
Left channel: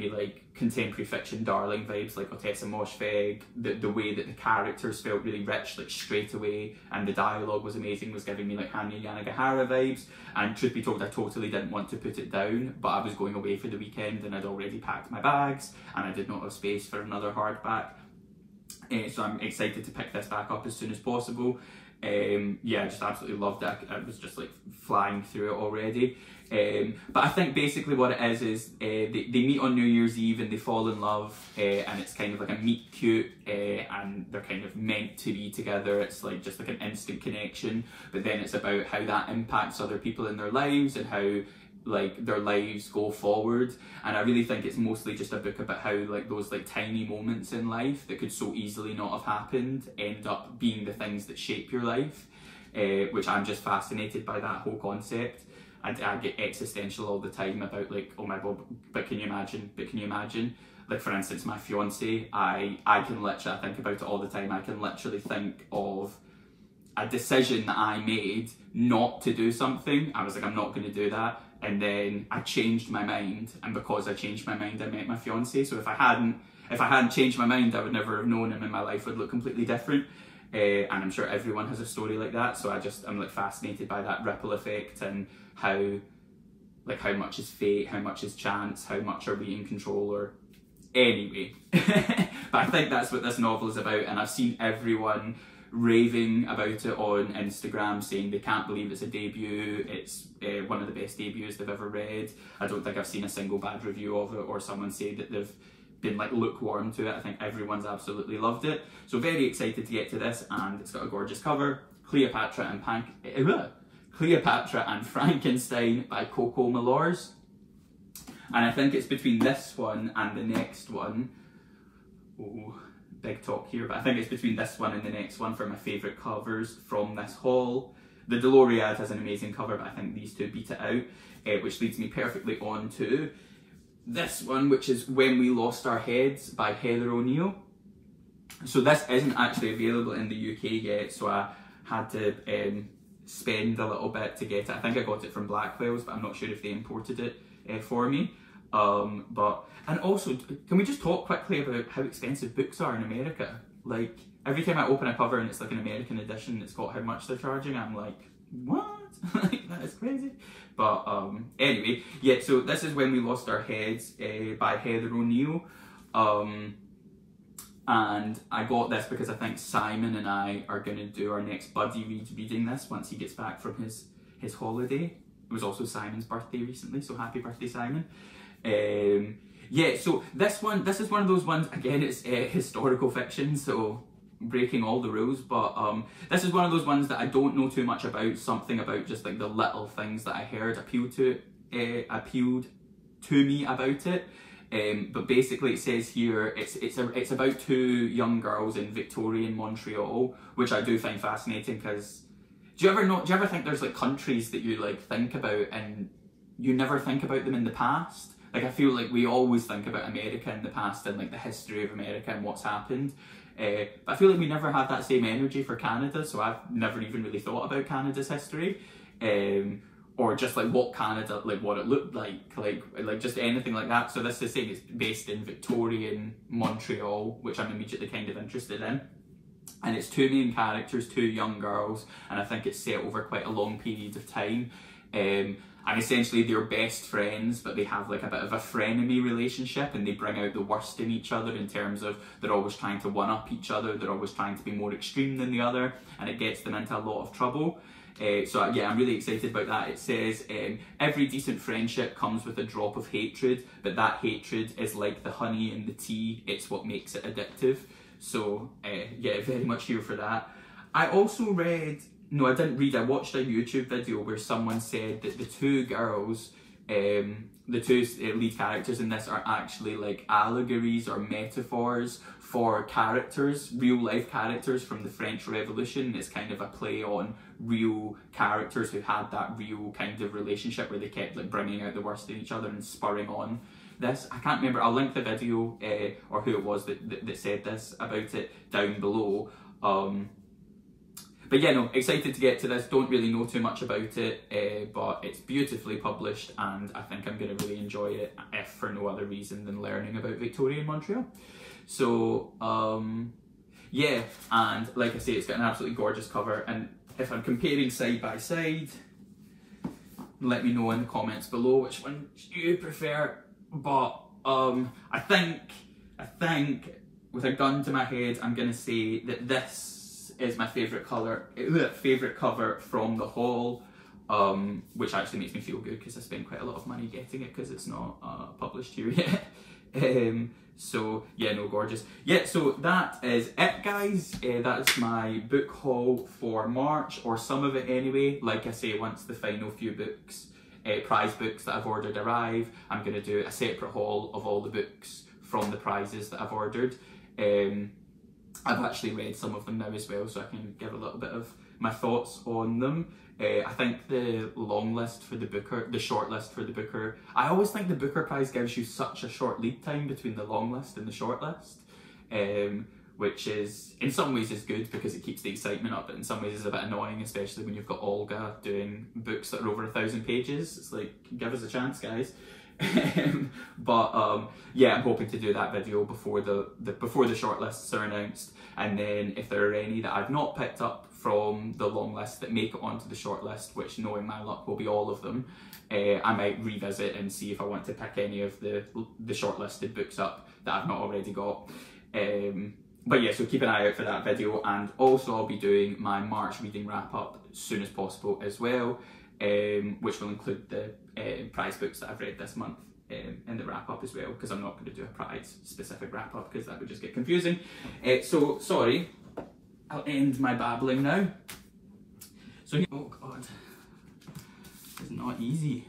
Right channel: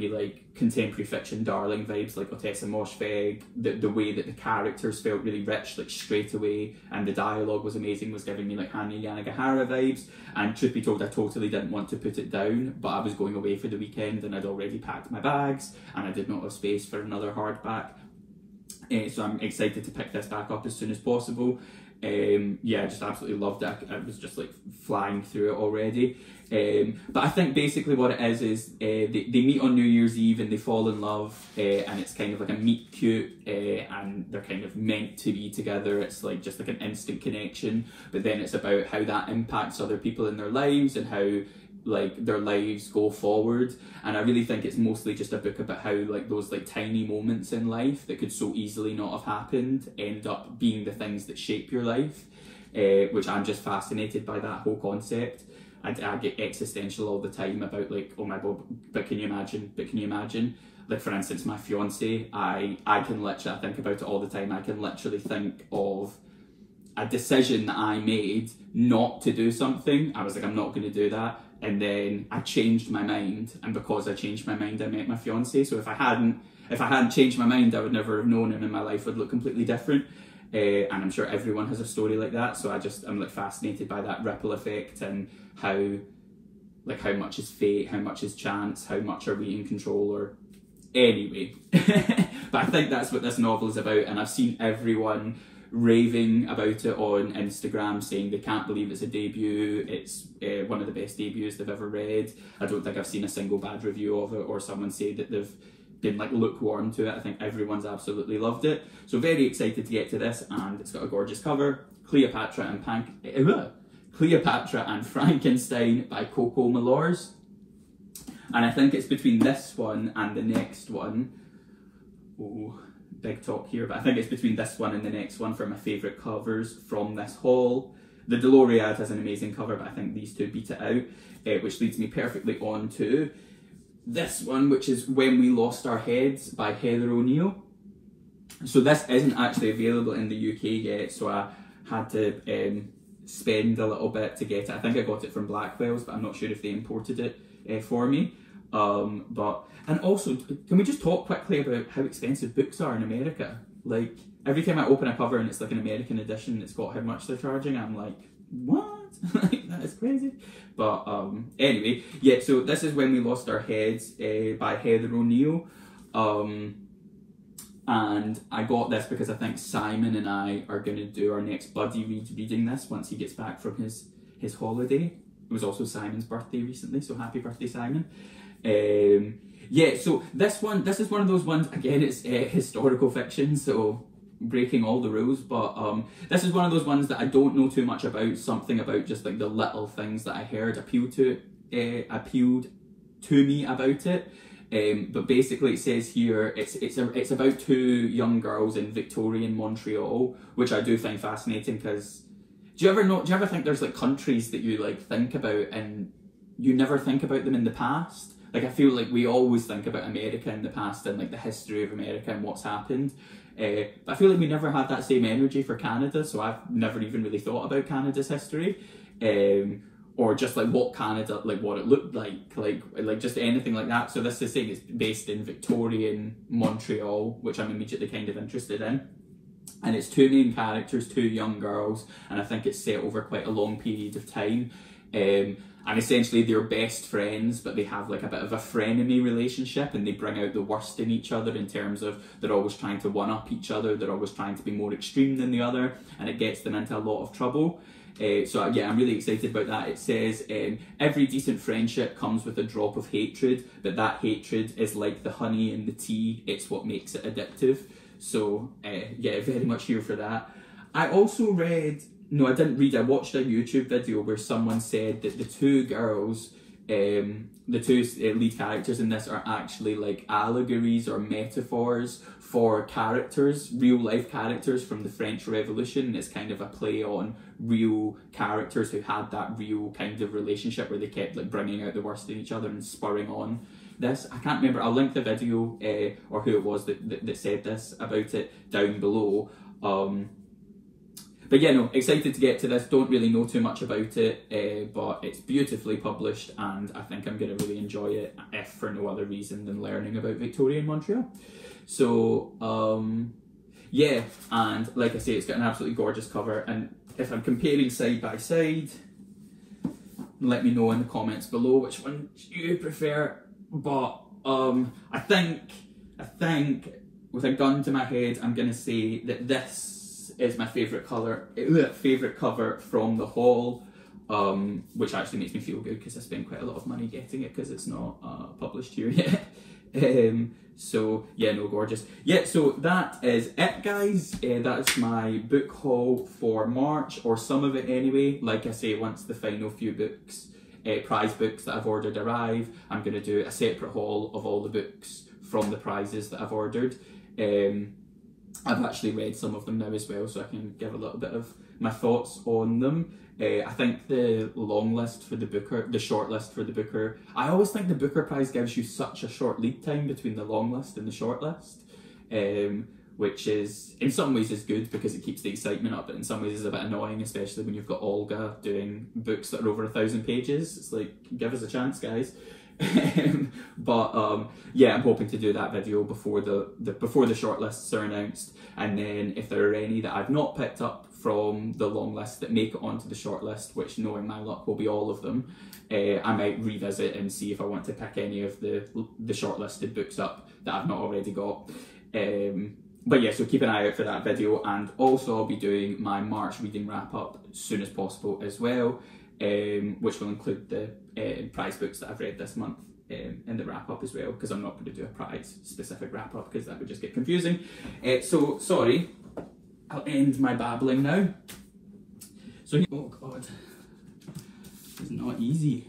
like contemporary fiction darling vibes, like Ottessa Moshfegh. The way that the characters felt really rich, like straight away, and the dialogue was amazing, was giving me like Hanya Yanagihara vibes. And truth be told, I totally didn't want to put it down, but I was going away for the weekend and I'd already packed my bags and I did not have space for another hardback. So I'm excited to pick this back up as soon as possible. Yeah, I just absolutely loved it. I was just like flying through it already. But I think basically what it is they meet on New Year's Eve and they fall in love, and it's kind of like a meet cute, and they're kind of meant to be together. It's like just like an instant connection, but then it's about how that impacts other people in their lives and how like their lives go forward. And I really think it's mostly just a book about how like those like tiny moments in life that could so easily not have happened end up being the things that shape your life, which I'm just fascinated by that whole concept. I get existential all the time about like, oh my god, but can you imagine, like for instance my fiance, I can literally, I think about it all the time. I can literally think of a decision that I made not to do something. I was like, I'm not going to do that, and then I changed my mind, and because I changed my mind I met my fiance. So if I hadn't changed my mind, I would never have known him and my life would look completely different. And I'm sure everyone has a story like that, so I'm like fascinated by that ripple effect and how much is fate, how much is chance, how much are we in control, or anyway. But I think that's what this novel is about, and I've seen everyone raving about it on Instagram, saying they can't believe it's a debut, it's one of the best debuts they've ever read. I don't think I've seen a single bad review of it or someone say that they've been like lukewarm to it. I think everyone's absolutely loved it. So very excited to get to this, and it's got a gorgeous cover. Cleopatra and Frankenstein by Coco Mellors. And I think it's between this one and the next one. Oh, big talk here, but I think it's between this one and the next one for my favourite covers from this haul. The Doloriad has an amazing cover, but I think these two beat it out, which leads me perfectly on to this one, which is When We Lost Our Heads by Heather O'Neill. So this isn't actually available in the UK yet, so I had to spend a little bit to get it. I think I got it from Blackwell's, but I'm not sure if they imported it for me. And also, can we just talk quickly about how expensive books are in America? Like, every time I open a cover and it's like an American edition, it's got how much they're charging, I'm like, what? Like, that is crazy. But anyway, yeah, so this is When We Lost Our Heads by Heather O'Neill. And I got this because I think Simon and I are going to do our next buddy reading this once he gets back from his holiday. It was also Simon's birthday recently, so happy birthday, Simon. Yeah, so this is one of those ones, again, it's historical fiction, so breaking all the rules, but this is one of those ones that I don't know too much about. Something about just like the little things that I heard appealed to me about it. But basically it says here it's about two young girls in Victorian Montreal, which I do find fascinating, because do you ever think there's like countries that you like think about and you never think about them in the past? Like, I feel like we always think about America in the past and like the history of America and what's happened. But I feel like we never had that same energy for Canada, so I've never even really thought about Canada's history. Or just like what Canada, like what it looked like just anything like that. So this is saying it's based in Victorian Montreal, which I'm immediately kind of interested in. And it's two main characters, two young girls, and I think it's set over quite a long period of time. And essentially they're best friends, but they have like a bit of a frenemy relationship, and they bring out the worst in each other in terms of they're always trying to one-up each other, they're always trying to be more extreme than the other, and it gets them into a lot of trouble. So yeah, I'm really excited about that. It says, every decent friendship comes with a drop of hatred, but that hatred is like the honey in the tea, it's what makes it addictive. So yeah, very much here for that. I also read, no I didn't read, I watched a YouTube video where someone said that the two girls The two lead characters in this are actually like allegories or metaphors for characters, real life characters from the French Revolution. It's kind of a play on real characters who had that real kind of relationship where they kept like bringing out the worst in each other and spurring on this. I can't remember, I'll link the video or who it was that said this about it down below. But yeah, no, excited to get to this. Don't really know too much about it, but it's beautifully published and I think I'm going to really enjoy it, if for no other reason than learning about Victorian Montreal. So, yeah, and like I say, it's got an absolutely gorgeous cover, and if I'm comparing side by side, let me know in the comments below which one you prefer. But I think with a gun to my head, I'm going to say that this is my favourite cover from the haul, which actually makes me feel good because I spent quite a lot of money getting it because it's not published here yet. So yeah, no, gorgeous. Yeah, so that is it, guys. That is my book haul for March, or some of it anyway. Like I say, once the final few books, prize books that I've ordered arrive, I'm going to do a separate haul of all the books from the prizes that I've ordered. I've actually read some of them now as well, so I can give a little bit of my thoughts on them. I think the long list for the Booker, the short list for the Booker, I always think the Booker prize gives you such a short lead time between the long list and the short list, which is, in some ways is good because it keeps the excitement up, but in some ways is a bit annoying, especially when you've got Olga doing books that are over 1,000 pages. It's like, give us a chance, guys. But yeah, I'm hoping to do that video before the shortlists are announced, and then if there are any that I've not picked up from the long list that make it onto the shortlist, which knowing my luck will be all of them, I might revisit and see if I want to pick any of the shortlisted books up that I've not already got. But yeah, so keep an eye out for that video, and also I'll be doing my March reading wrap up as soon as possible as well, which will include the prize books that I've read this month in the wrap up as well, because I'm not going to do a prize specific wrap up because that would just get confusing. So sorry, I'll end my babbling now. So, oh god, it's not easy.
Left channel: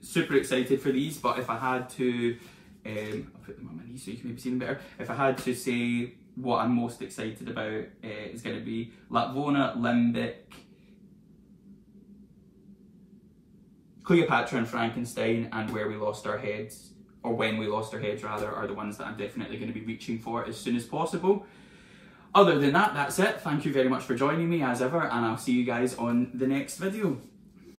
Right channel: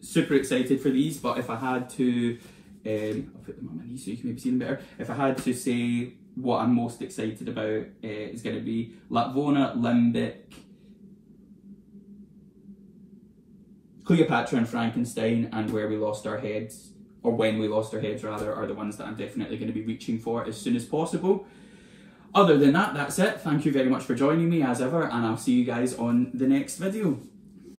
Super excited for these, but if I had to, I'll put them on my knees so you can maybe see them better. If I had to say what I'm most excited about, it's going to be Lapvona, Limbic, Cleopatra and Frankenstein, and Where We Lost Our Heads, or When We Lost Our Heads rather, are the ones that I'm definitely going to be reaching for as soon as possible. Other than that, that's it. Thank you very much for joining me as ever, and I'll see you guys on the next video.